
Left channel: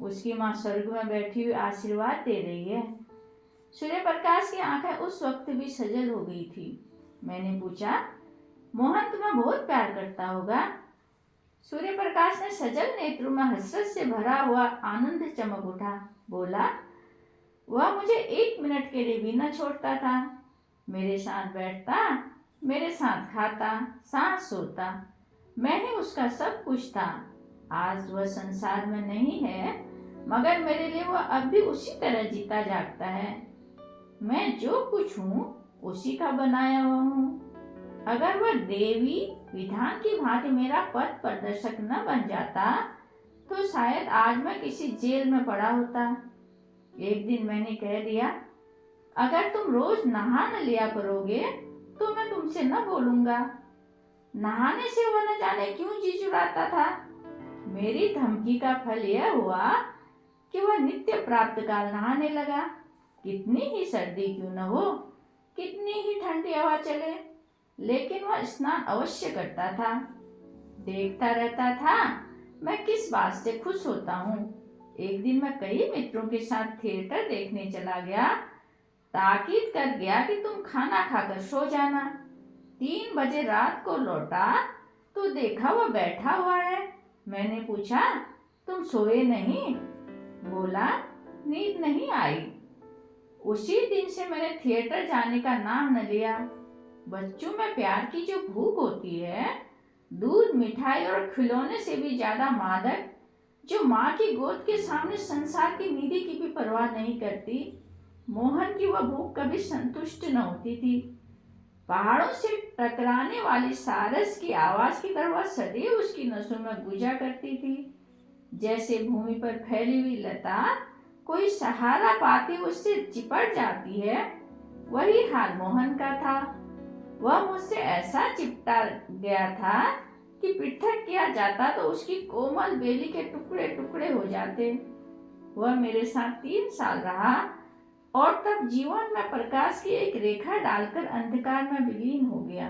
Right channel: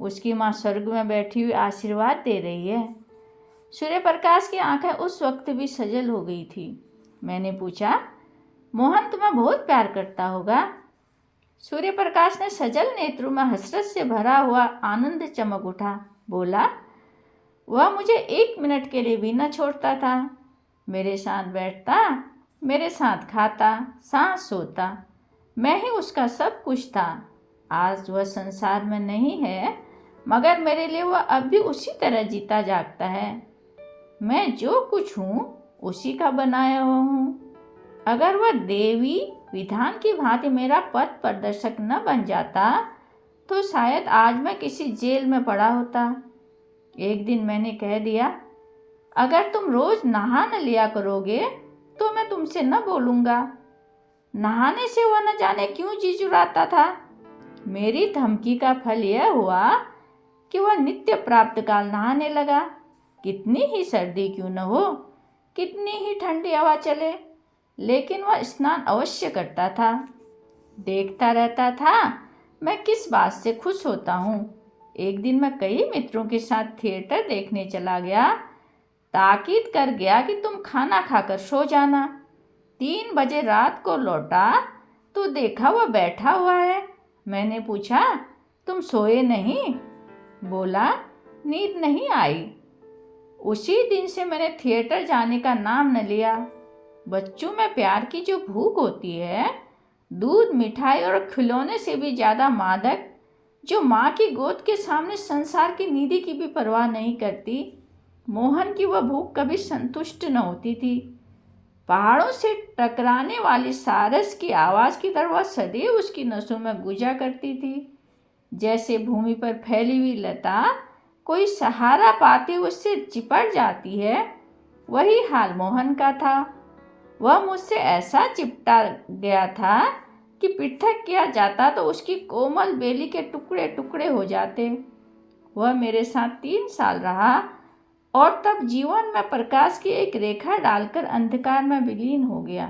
उसकी माँ स्वर्ग में बैठी हुई आशीर्वाद दे रही है। सूर्य प्रकाश की आंखें उस वक्त भी सजल हो गई थी। मैंने पूछा, मोहन तुम्हें बहुत प्यार करता होगा? सूर्य प्रकाश ने सजल नेत्रों में हसरत से भरा हुआ आनंद चमक उठा। बोला, वह मुझे 1 मिनट के लिए भी न छोड़ता था। मेरे साथ बैठता, मेरे साथ खाता, साथ सोता। मैं ही उसका सब कुछ था। आज वह संसार में नहीं है, मगर मेरे लिए वह अब भी उसी तरह जीता जागता है। मैं जो कुछ हूँ उसी का बनाया हुआ हूँ। अगर वह देवी विधान की भांति मेरा पथ प्रदर्शक न बन जाता तो शायद आज मैं किसी जेल में पड़ा होता। एक दिन मैंने कह दिया, अगर तुम रोज नहा न लिया करोगे तो मैं तुमसे न बोलूँगा। नहाने से वह न जाने क्यों जी चुराता था। मेरी धमकी का फल यह हुआ कि वह नित्य प्राप्त काल नहाने लगा। कितनी ही सर्दी क्यों न हो, कितनी ही ठंडी हवा चले, लेकिन वह स्नान अवश्य करता था। देखता रहता था मैं किस बात से खुश होता हूँ। एक दिन मैं कई मित्रों के साथ थिएटर देखने चला गया। ताकीद कर गया कि तुम खाना खाकर सो जाना। 3 बजे रात को लौटा तो देखा वह बैठा हुआ है। मैंने पूछा, तुम सोए नहीं? बोला, नींद नहीं आई। उसी दिन से मैंने थिएटर जाने का नाम न लिया। बच्चों में प्यार की जो भूख होती है, दूध, मिठाई और खिलौने से भी ज़्यादा मादक, जो माँ की गोद के सामने संसार की निधि की भी परवाह नहीं करती, मोहन की वह भूख कभी संतुष्ट न होती थी। पहाड़ों से टकराने वाली सारस की आवाज़ की तरह वह सदैव उसकी नसों में गुजा करती थी। जैसे भूमि पर फैली हुई लता कोई सहारा पाती उससे चिपट जाती है, वही हाल मोहन का था। वह मुझसे ऐसा चिपटा गया था कि पृथक किया जाता तो उसकी कोमल बेली के टुकड़े टुकड़े हो जाते। वह मेरे साथ 3 साल रहा और तब जीवन में प्रकाश की एक रेखा डालकर अंधकार में विलीन हो गया।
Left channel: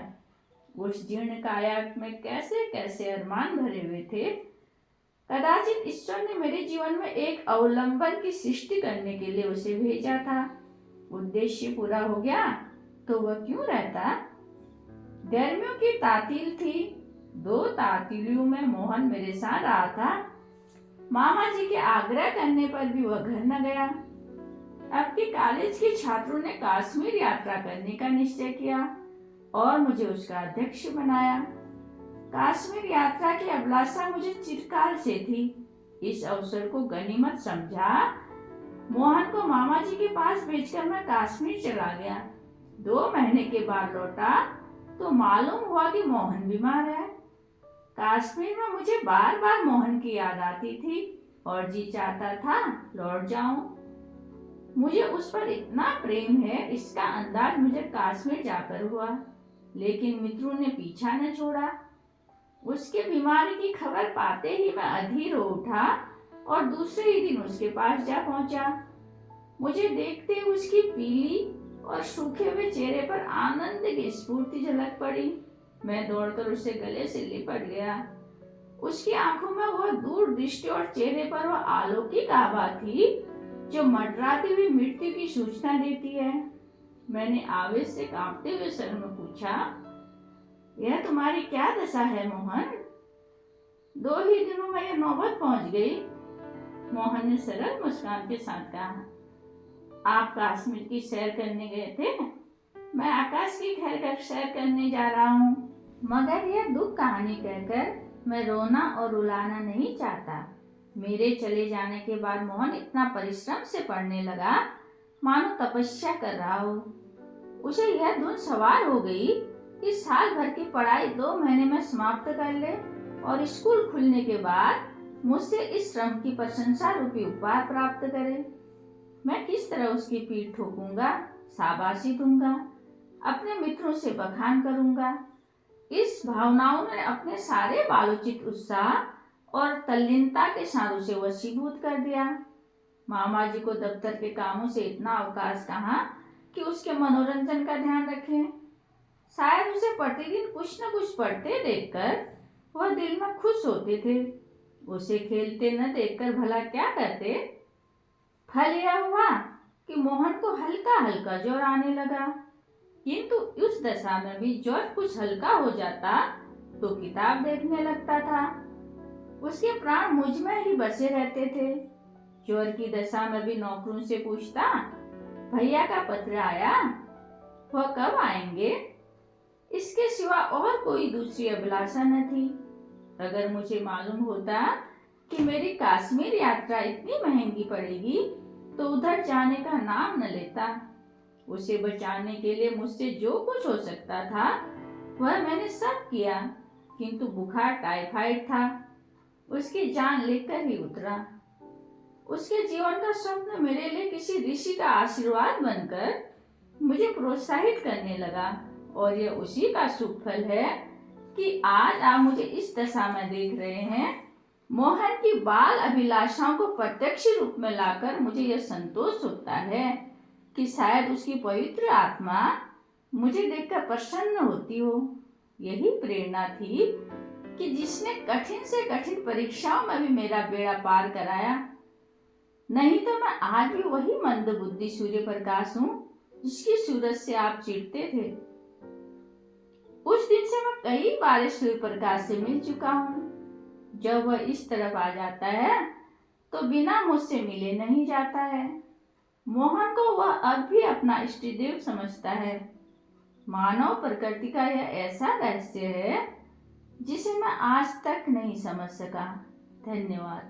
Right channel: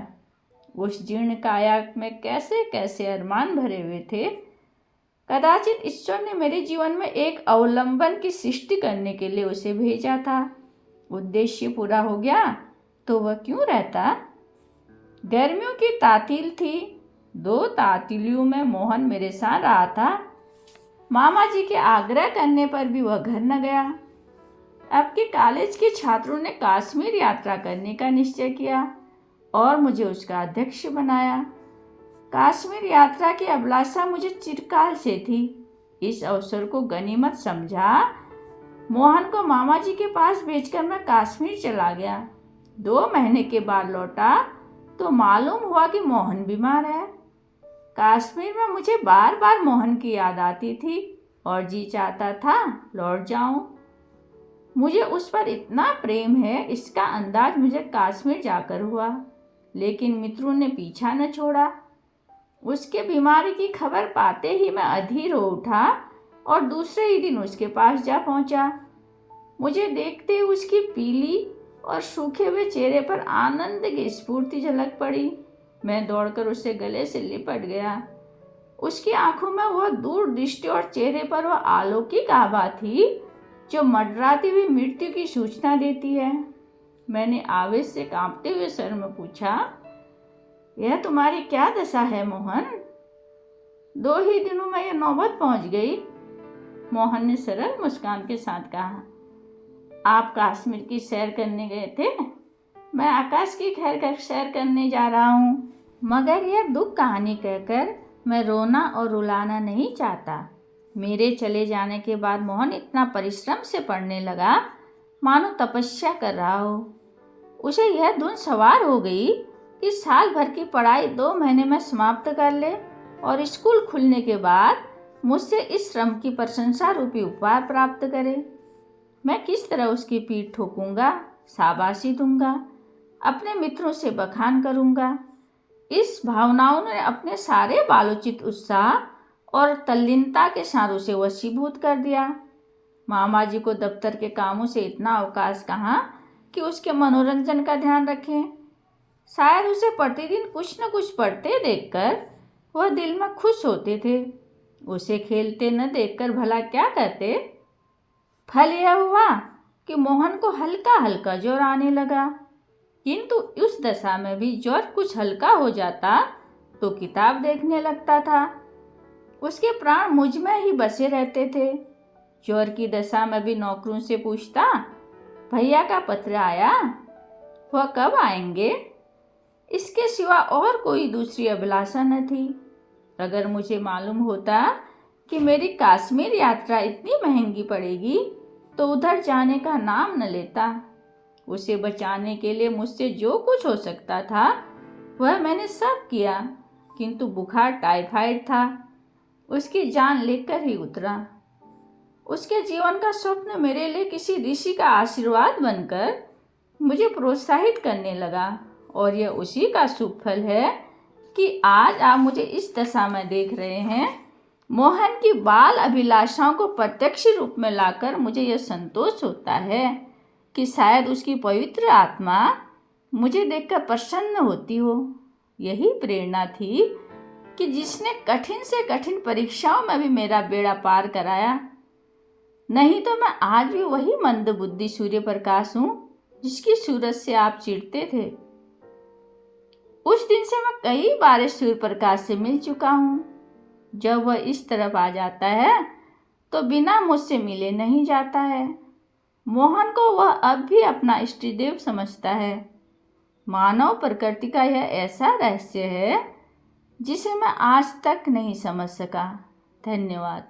उस जीर्ण काया में कैसे कैसे अरमान भरे हुए थे। कदाचित ईश्वर ने मेरे जीवन में एक अवलंबन की सृष्टि करने के लिए उसे भेजा था। उद्देश्य पूरा हो गया तो वह क्यों रहता। गर्मियों की तातील थी। 2 तातीलियों में मोहन मेरे साथ रहा था। मामा जी के आग्रह करने पर भी वह घर न गया। अब के कॉलेज के छात्रों ने कश्मीर यात्रा करने का निश्चय किया और मुझे उसका अध्यक्ष बनाया। कश्मीर यात्रा की अभिलाषा मुझे चिरकाल से थी। इस अवसर को गनीमत समझा मोहन को मामा जी के पास भेजकर मैं कश्मीर चला गया। 2 महीने के बाद लौटा तो मालूम हुआ कि मोहन बीमार है। कश्मीर में मुझे बार बार मोहन की याद आती थी और जी चाहता था लौट जाऊं। मुझे उस पर इतना प्रेम है, इसका अंदाज मुझे कश्मीर जाकर हुआ। लेकिन मित्रों ने पीछा न छोड़ा। उसके बीमारी की खबर पाते ही मैं अधीर हो उठा और दूसरे ही दिन उसके पास जा पहुंचा। मुझे देखते ही उसकी पीली और सूखे हुए चेहरे पर आनंद की स्फूर्ति झलक पड़ी। मैं दौड़कर उससे गले से लिपट गया। उसकी आंखों में वह दूरदृष्टि और चेहरे पर वह अलौकिक आभा थी जो मंडराती हुई मृत्यु की सूचना देती है। मैंने आवेश से कांपते हुए सर में पूछा, यह तुम्हारी क्या दशा है मोहन? 2 ही दिनों में यह नौबत पहुंच गई। मोहन ने सरल मुस्कान के साथ कहा, आप कश्मीर की सैर करने गए थे, मैं आकाश की खैर कर सैर करने जा रहा हूँ। मगर यह दुख कहानी कहकर मैं रोना और रुलाना नहीं चाहता। मेरे चले जाने के बाद मोहन इतना परिश्रम से पढ़ने लगा मानो तपस्या कर रहा हो। उसे यह धुन सवार हो गई इस साल भर की पढ़ाई 2 महीने में समाप्त कर ले और स्कूल खुलने के बाद मुझसे इस श्रम की प्रशंसा रूपी उपहार प्राप्त करे। मैं किस तरह उसकी पीठ ठोकूंगा, शाबाशी दूंगा, अपने मित्रों से बखान करूंगा। इस भावनाओं ने अपने सारे बालोचित उत्साह और तल्लीनता के साथ उसे वशीभूत कर दिया। मामा जी को दफ्तर के कामों से इतना अवकाश कहाँ कि उसके मनोरंजन का ध्यान रखें। शायद उसे प्रतिदिन कुछ न कुछ पढ़ते देखकर वह दिल में खुश होते थे। उसे खेलते न देखकर भला क्या कहते। फल यह हुआ कि मोहन को हल्का हल्का ज्वर आने लगा, किंतु उस दशा में भी ज्वर कुछ हल्का हो जाता तो किताब देखने लगता था। उसके प्राण मुझ में ही बसे रहते थे। ज्वर की दशा में भी नौकरों से पूछता, भैया का पत्र आया, वह कब आएंगे। इसके सिवा और कोई दूसरी अभिलाषा न थी। अगर मुझे मालूम होता कि मेरी कश्मीर यात्रा इतनी महंगी पड़ेगी तो उधर जाने का नाम न लेता। उसे बचाने के लिए मुझसे जो कुछ हो सकता था वह मैंने सब किया, किंतु बुखार टाइफाइड था, उसकी जान लेकर ही उतरा। उसके जीवन का स्वप्न मेरे लिए किसी ऋषि का आशीर्वाद बनकर मुझे प्रोत्साहित करने लगा, और यह उसी का शुभ फल है कि आज आप मुझे इस दशा में देख रहे हैं। मोहन की बाल अभिलाषाओं को प्रत्यक्ष रूप में लाकर मुझे यह संतोष होता है कि शायद उसकी पवित्र आत्मा मुझे देखकर प्रसन्न होती हो। यही प्रेरणा थी कि जिसने कठिन से कठिन परीक्षाओं में भी मेरा बेड़ा पार कराया। नहीं तो मैं आज भी वही मंदबुद्धि सूर्य प्रकाश हूँ जिसकी सूरज से आप चिढ़ते थे। उस दिन से मैं कई बार सूर्य प्रकाश से मिल चुका हूँ। जब वह इस तरफ आ जाता है तो बिना मुझसे मिले नहीं जाता है। मोहन को वह अब भी अपना इष्टदेव समझता है। मानव प्रकृति का यह ऐसा रहस्य है जिसे मैं आज तक नहीं समझ सका। धन्यवाद।